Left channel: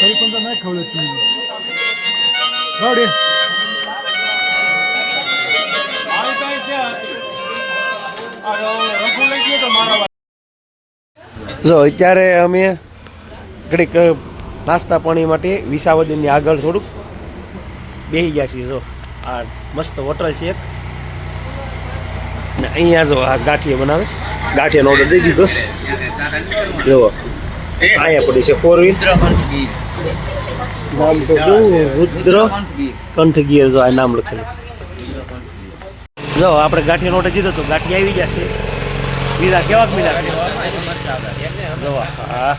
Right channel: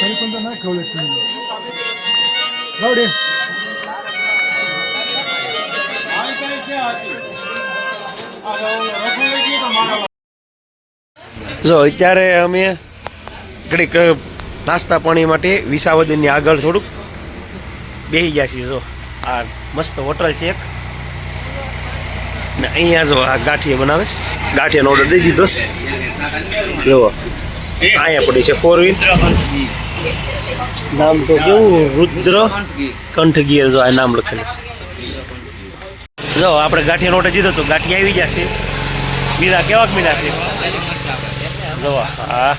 पण नाही खवळत तुम्ही गाडी જો અત્યારે અમે ઘડીક નાસ્તા પાણી માટે વિસાવદનની આગળ થોડુંક બેસી ગયા છીએ. જો આ મસ્ત હોટલ છે એક ને અહીંયા જો આ ગાંઠિયા બનાવે છે. ગાંઠિયાનો ઓર્ડર દઈ દીધો છે. જુઓ અહીંયા પડી છે 4 વ્હીલ. નામ તો કેવું રુદ્ર કંઠગીર. જો આ નામ લખેલું છે. જો આપણે ગાંઠિયાનો ઓર્ડર દીધો તો ગાંઠિયા આવી જશે. બીજા કેવાક મીના છે જો. હા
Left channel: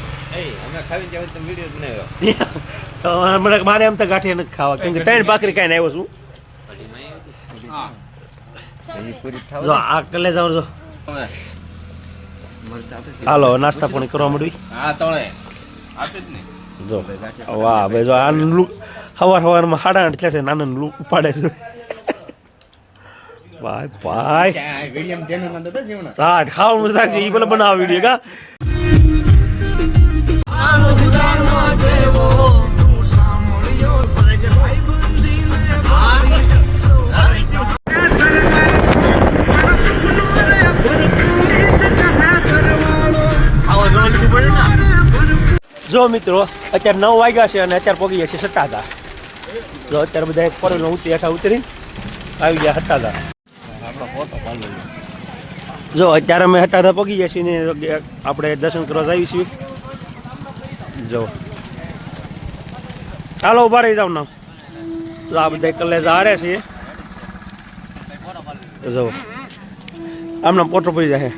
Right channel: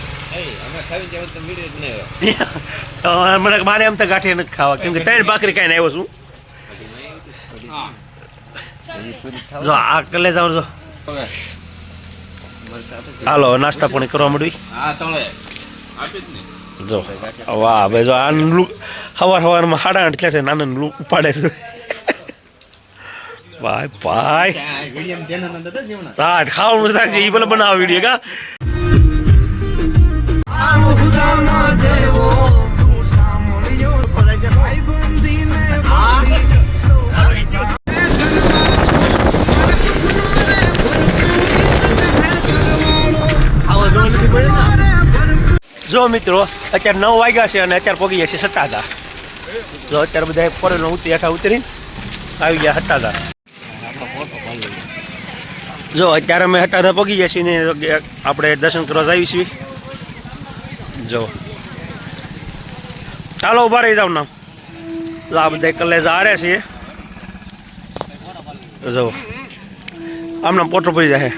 મારે એમ તો ગાંઠિયા નથી ખાવા કેમ કે 3 ભાખરી ખાઈને આવ્યો છું. જો આ કલે જાવ. જો હાલો નાસ્તા પાણી કરવા માંડવી. જો વાહ ભાઈ જો આ સવારમાં 8:30 થયા છે. નાના ઉપાડે છે ભાઈ ભાઈ. હા ખાવાનું રાખજે એ ભલે બનાવો વિડીયો કા. જો મિત્રો અત્યારે 9 વાગ્યા છે અને અત્યારે પગી ગયા છે સત્તાધાર. જો અત્યારે બધા ફોરેન હેઠા ઉતરીને આવી ગયા સત્તાધાર. જો અત્યારે અમે સત્તાધાર પગી ગયા છીએ ને આપણે દર્શન કરવા જઈએ છીએ. જો ચાલો ઉભા રહી જાવ નામ. આ બધા કલેજ હારે છે. જો આમના પોટો પડી જાય.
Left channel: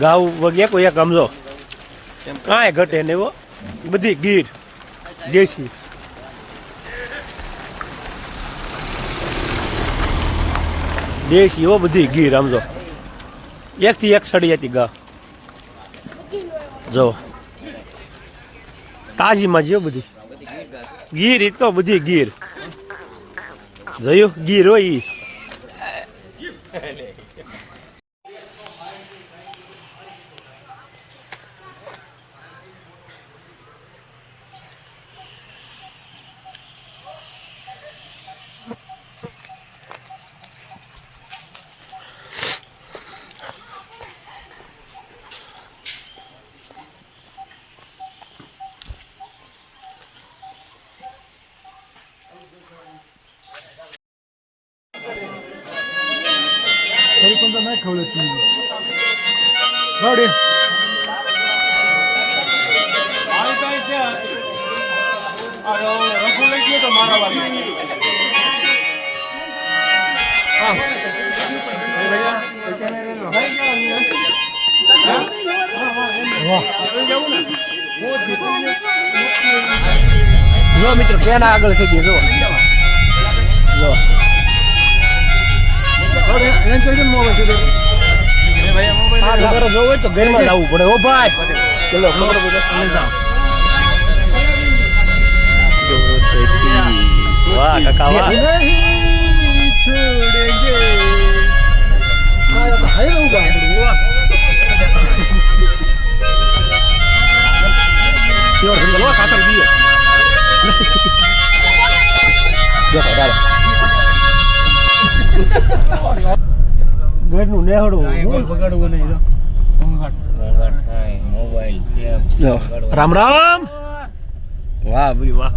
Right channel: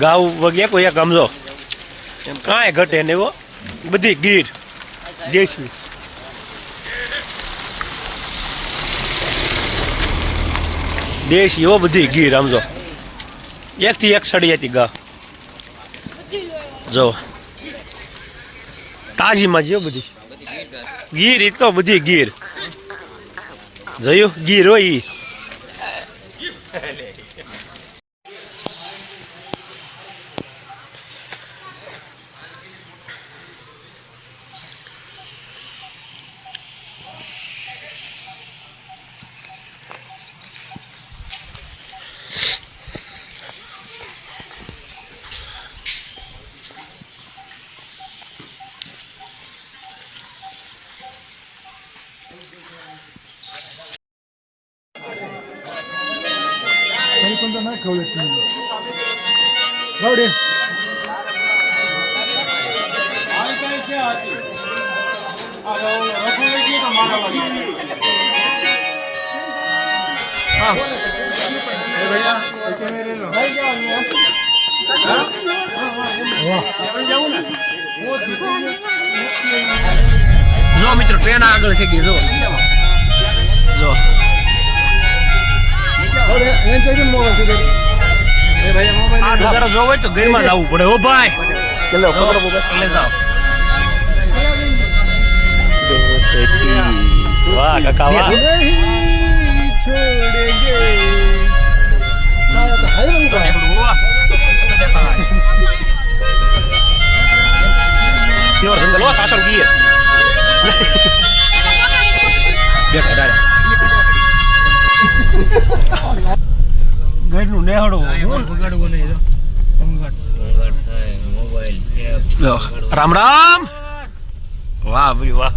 ગાઉ વગે કોઈ એક સમજો કાંઈ ઘટે ને એવો. બધી ગીર દેશી દેશી એવો બધી ગીર સમજો. એકથી એક સડી હતી ગા. જો તાજીમાં જો બધી ગીર. એ તો બધી ગીર જોયું ગીર હોય ઈ. पण नाही खवळत तुम्ही गाडी જો મિત્રો ટ્રેન આગળ થઈ ગઈ. જો જો જો હોય તો ઘરમાં જવું પડે. ઓ ભાઈ ચલો વાહ કાકા વાહ. શાસન દીએ ઘરનું નેહડું બગાડવું નહીં. રામ રામ. વાહ ભાઈ વાહ.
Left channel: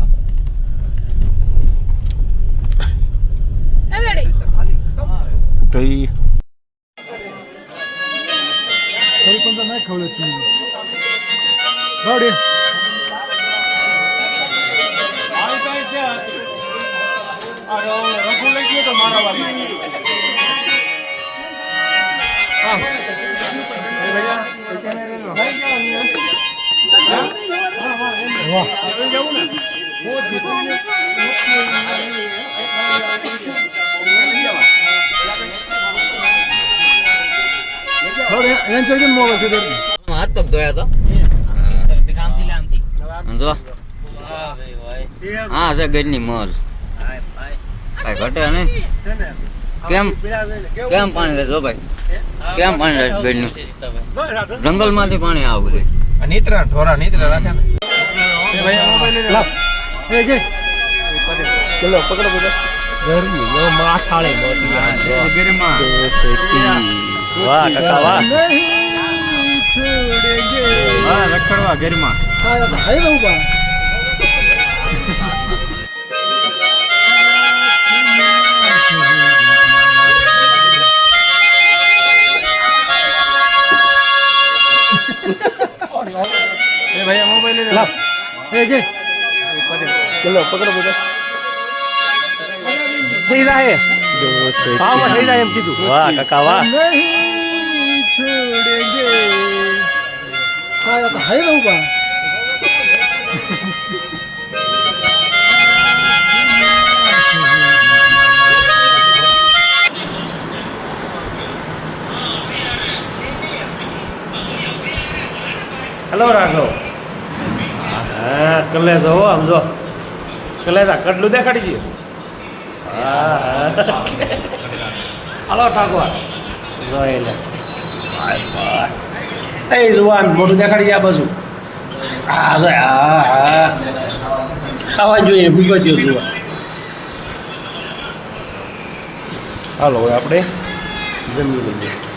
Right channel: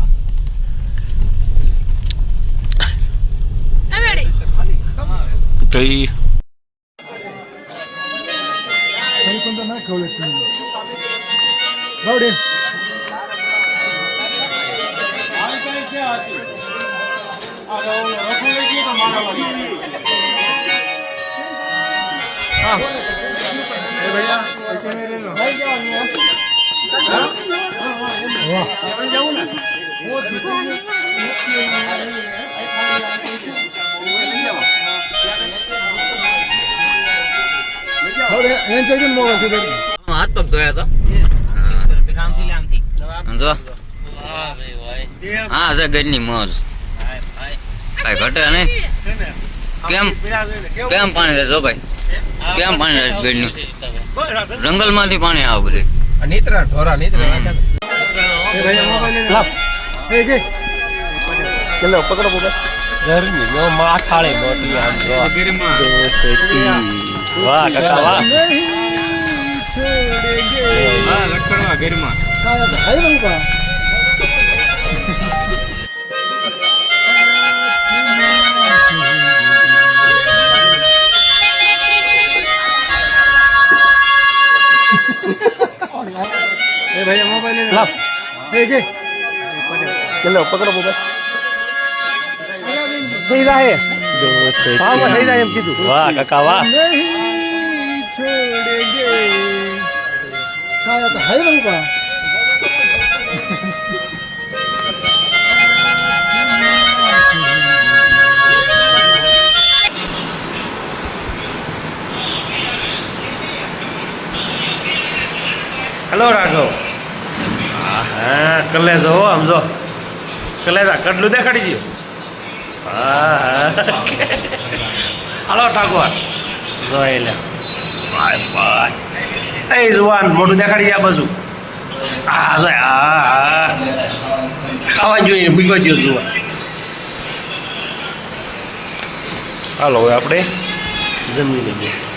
સહી પણ તો ના ખવડે છે ગોડી હાથ પગ ધોયા તો જો હા છે ગજની મોજ ભાઈ ઘટે નહીં કેમ કેમ પાણી રહે જો ભાઈ કેમ પાણી રહે ગજનું જંગલ માંથી પાણી આવે બધે નીતરા ઢોરા નીતરા રાખે લાવ ચલો પકડો બધા ઘરની નો માથાળે મોટી આમ જો વાહ કાકા વાહ લખડવા ગરિમા હા તો હઈ બહુ બા એ ભૈયા મોબાઈલ લાવ એ કે ચલો પકડો બધા થઈ જાય ભાવમાં થઈ જાય એમ કીધું વાહ કાકા વાહ નહીં છોડેંગે હા તો હઈ બહુ બા હેલો રાઘવ હા કલેજો હો આમ જો કલેજા કડલું દેખાડી ગયું હા હાલો ઠાકોર જોઈ લે બાય બાય એ જુવાન મોટું દેખાડી જાય આ બાજુ હા જો હા હા ખાવા જોઈએ ભૂખ્યો ગયો જુવાન હાલો હવે આપણે જમી લઈએ